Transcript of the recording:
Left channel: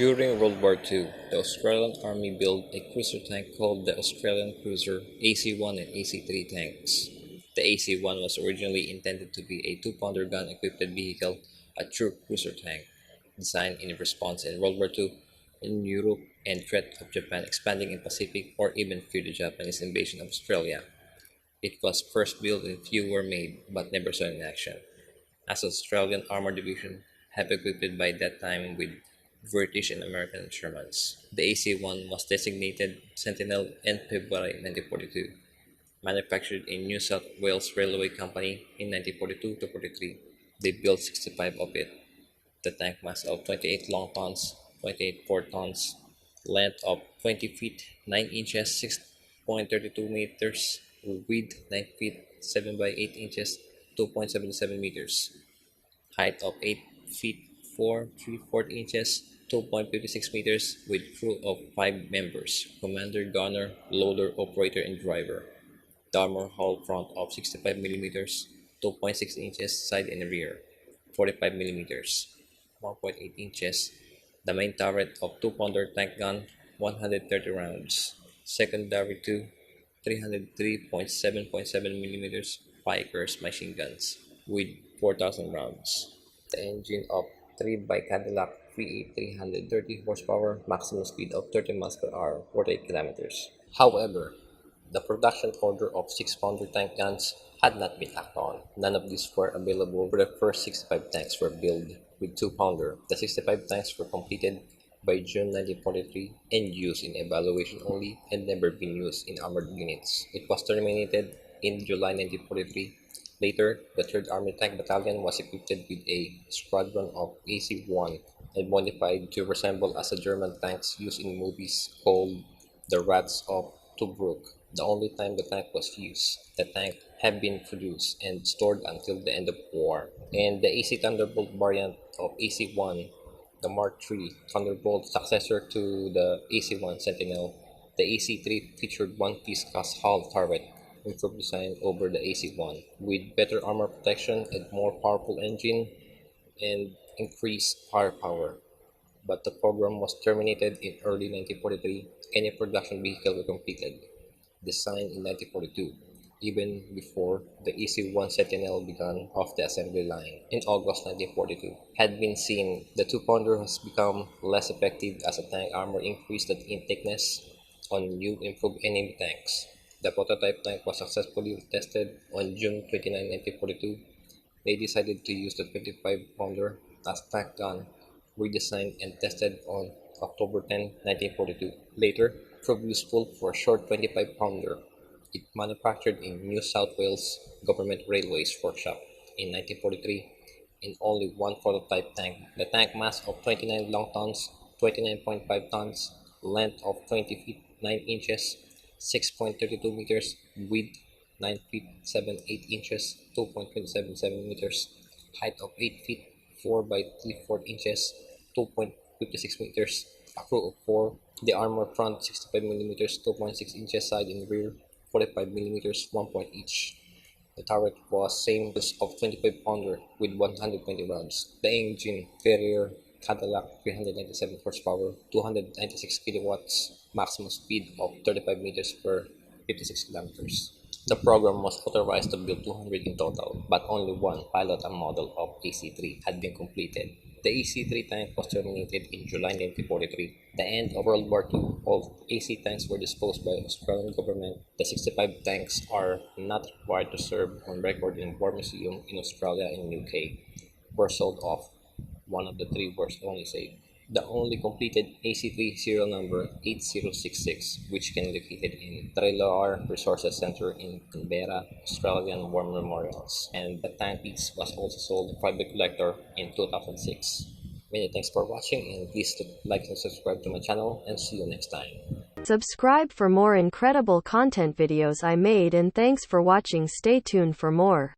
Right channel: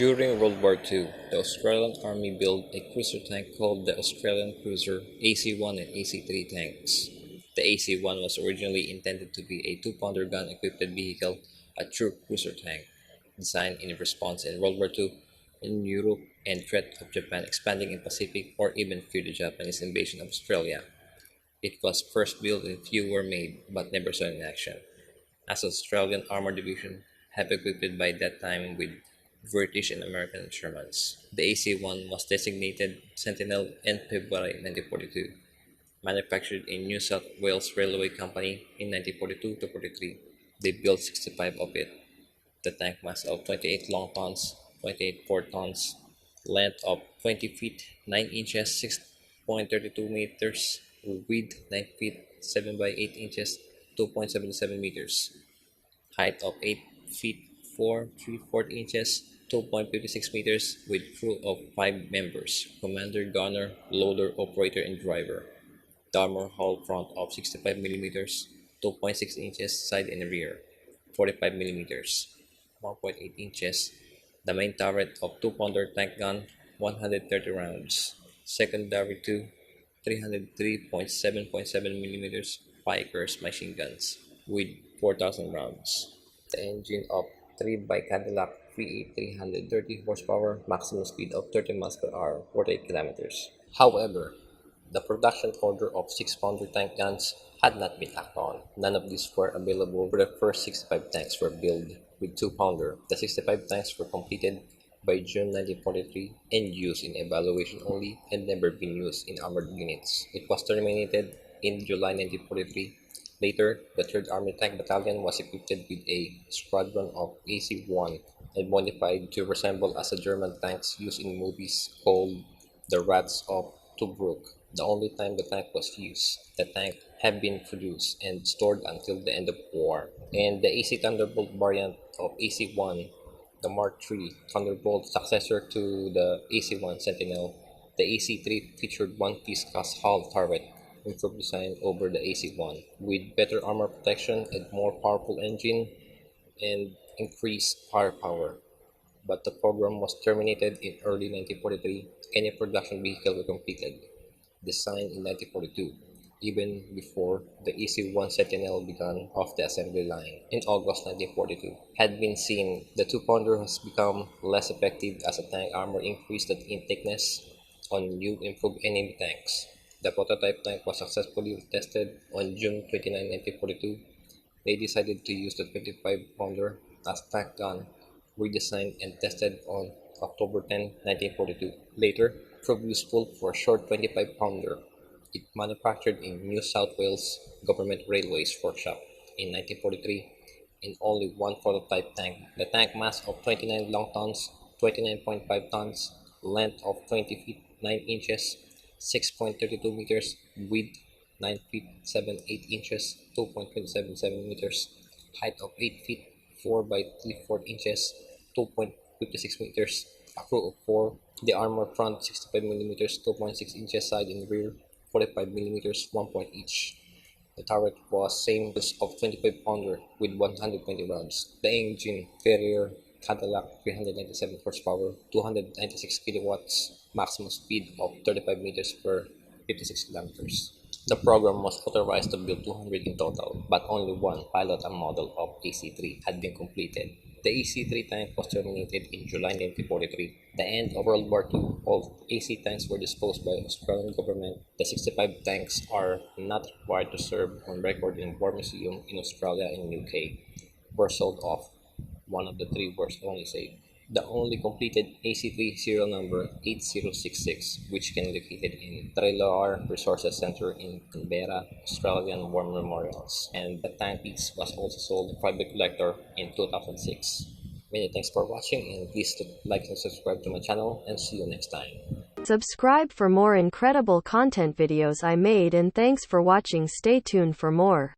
During World War II, the Australian Army built a cruiser tank called the Australian Cruiser AC-1 and AC-3 tanks. The AC-1 was originally intended to be a 2-pounder gun-equipped vehicle, a true cruiser tank, designed in response in World War II in Europe and threat of Japan expanding in Pacific or even fear the Japanese invasion of Australia. It was first built and few were made, but never saw in action, as the Australian Armored Division had equipped by that time with British and American instruments. The AC-1 was designated Sentinel in February 1942, manufactured in New South Wales Railway Company in 1942 to 43. They built 65 of it. The tank mass of 28 long tons, 28 4 tons, length of 20 feet 9 inches 6.32 meters, width 9 feet 7 by 8 inches 2.77 meters, height of 8 feet 4 3/4 inches 2.56 meters, with crew of 5 members: commander, gunner, loader, operator, and driver. The armor hull front of 65 mm 2.6 inches side and rear, 45 mm 1.8 inches. The main turret of 2-pounder tank gun, 130 rounds. Secondary to 303.7.7 mm Pikers machine guns with 4,000 rounds. The engine of 3 by Cadillac V8 330 horsepower, maximum speed of 30 miles per hour, 48 kilometers. However, the production order of 6-pounder tank guns had not been acted on. None of these were available for the first 65 tanks were built with 2-pounder. The 65 tanks were completed by June 1943 and used in evaluation only and never been used in armored units. It was terminated in July 1943. Later, the 3rd Army Tank Battalion was equipped with a squadron of AC-1 and modified to resemble as the German tanks used in movies called the Rats of Tobruk. The only time the tank was used, the tank had been produced and stored until the end of war. And the AC Thunderbolt variant of AC-1, the Mark III Thunderbolt successor to the AC-1 Sentinel, the AC-3 featured one-piece cast hull turret, improved design over the AC-1, with better armor protection and more powerful engine and increased firepower. But the program was terminated in early 1943. Any production vehicle were completed, designed in 1942, even before the AC-1 Sentinel began off the assembly line in August 1942. Had been seen, the 2-pounder has become less effective as a tank armor increased in thickness on new improved enemy tanks. The prototype tank was successfully tested on June 29, 1942. They decided to use the 25-pounder as tank gun, redesigned and tested on October 10, 1942. Later, proved useful for a short 25-pounder. It manufactured in New South Wales Government Railways Workshop in 1943 in only one prototype tank. The tank mass of 29 long tons, 29.5 tons, length of 20 feet 9 inches, 6.32 meters, width 9 feet 7/8 inches, 2.277 meters, height of 8 feet 4 by 3/4 inches, 2.56 meters, a crew of 4. The armor front 65 mm 2.6 inches side and rear, 45 mm 1 point each. The turret was same as of 25-pounder with 120 rounds. The engine, Carrier Cadillac 397 horsepower, 296 kilowatts, maximum speed of 35 meters per 56 kilometers. The program was authorized to build 200 in total, but only one pilot and model of AC-3 had been completed. The AC-3 tank was terminated in July 1943. The end of World War II, all AC tanks were disposed by the Australian government. The 65 tanks are not required to serve on record in War Museum in Australia and UK. Were sold off. One of the 3 were only saved. The only completed AC-3 serial number 8066, which can be located in Trailer Resources Centre in Canberra, Australian War Memorials, and the tank piece was also sold to private collector in 2006. Many thanks for watching, and please like and subscribe to my channel, and see you next time. Subscribe for more incredible content videos I made, and thanks for watching. Stay tuned for more.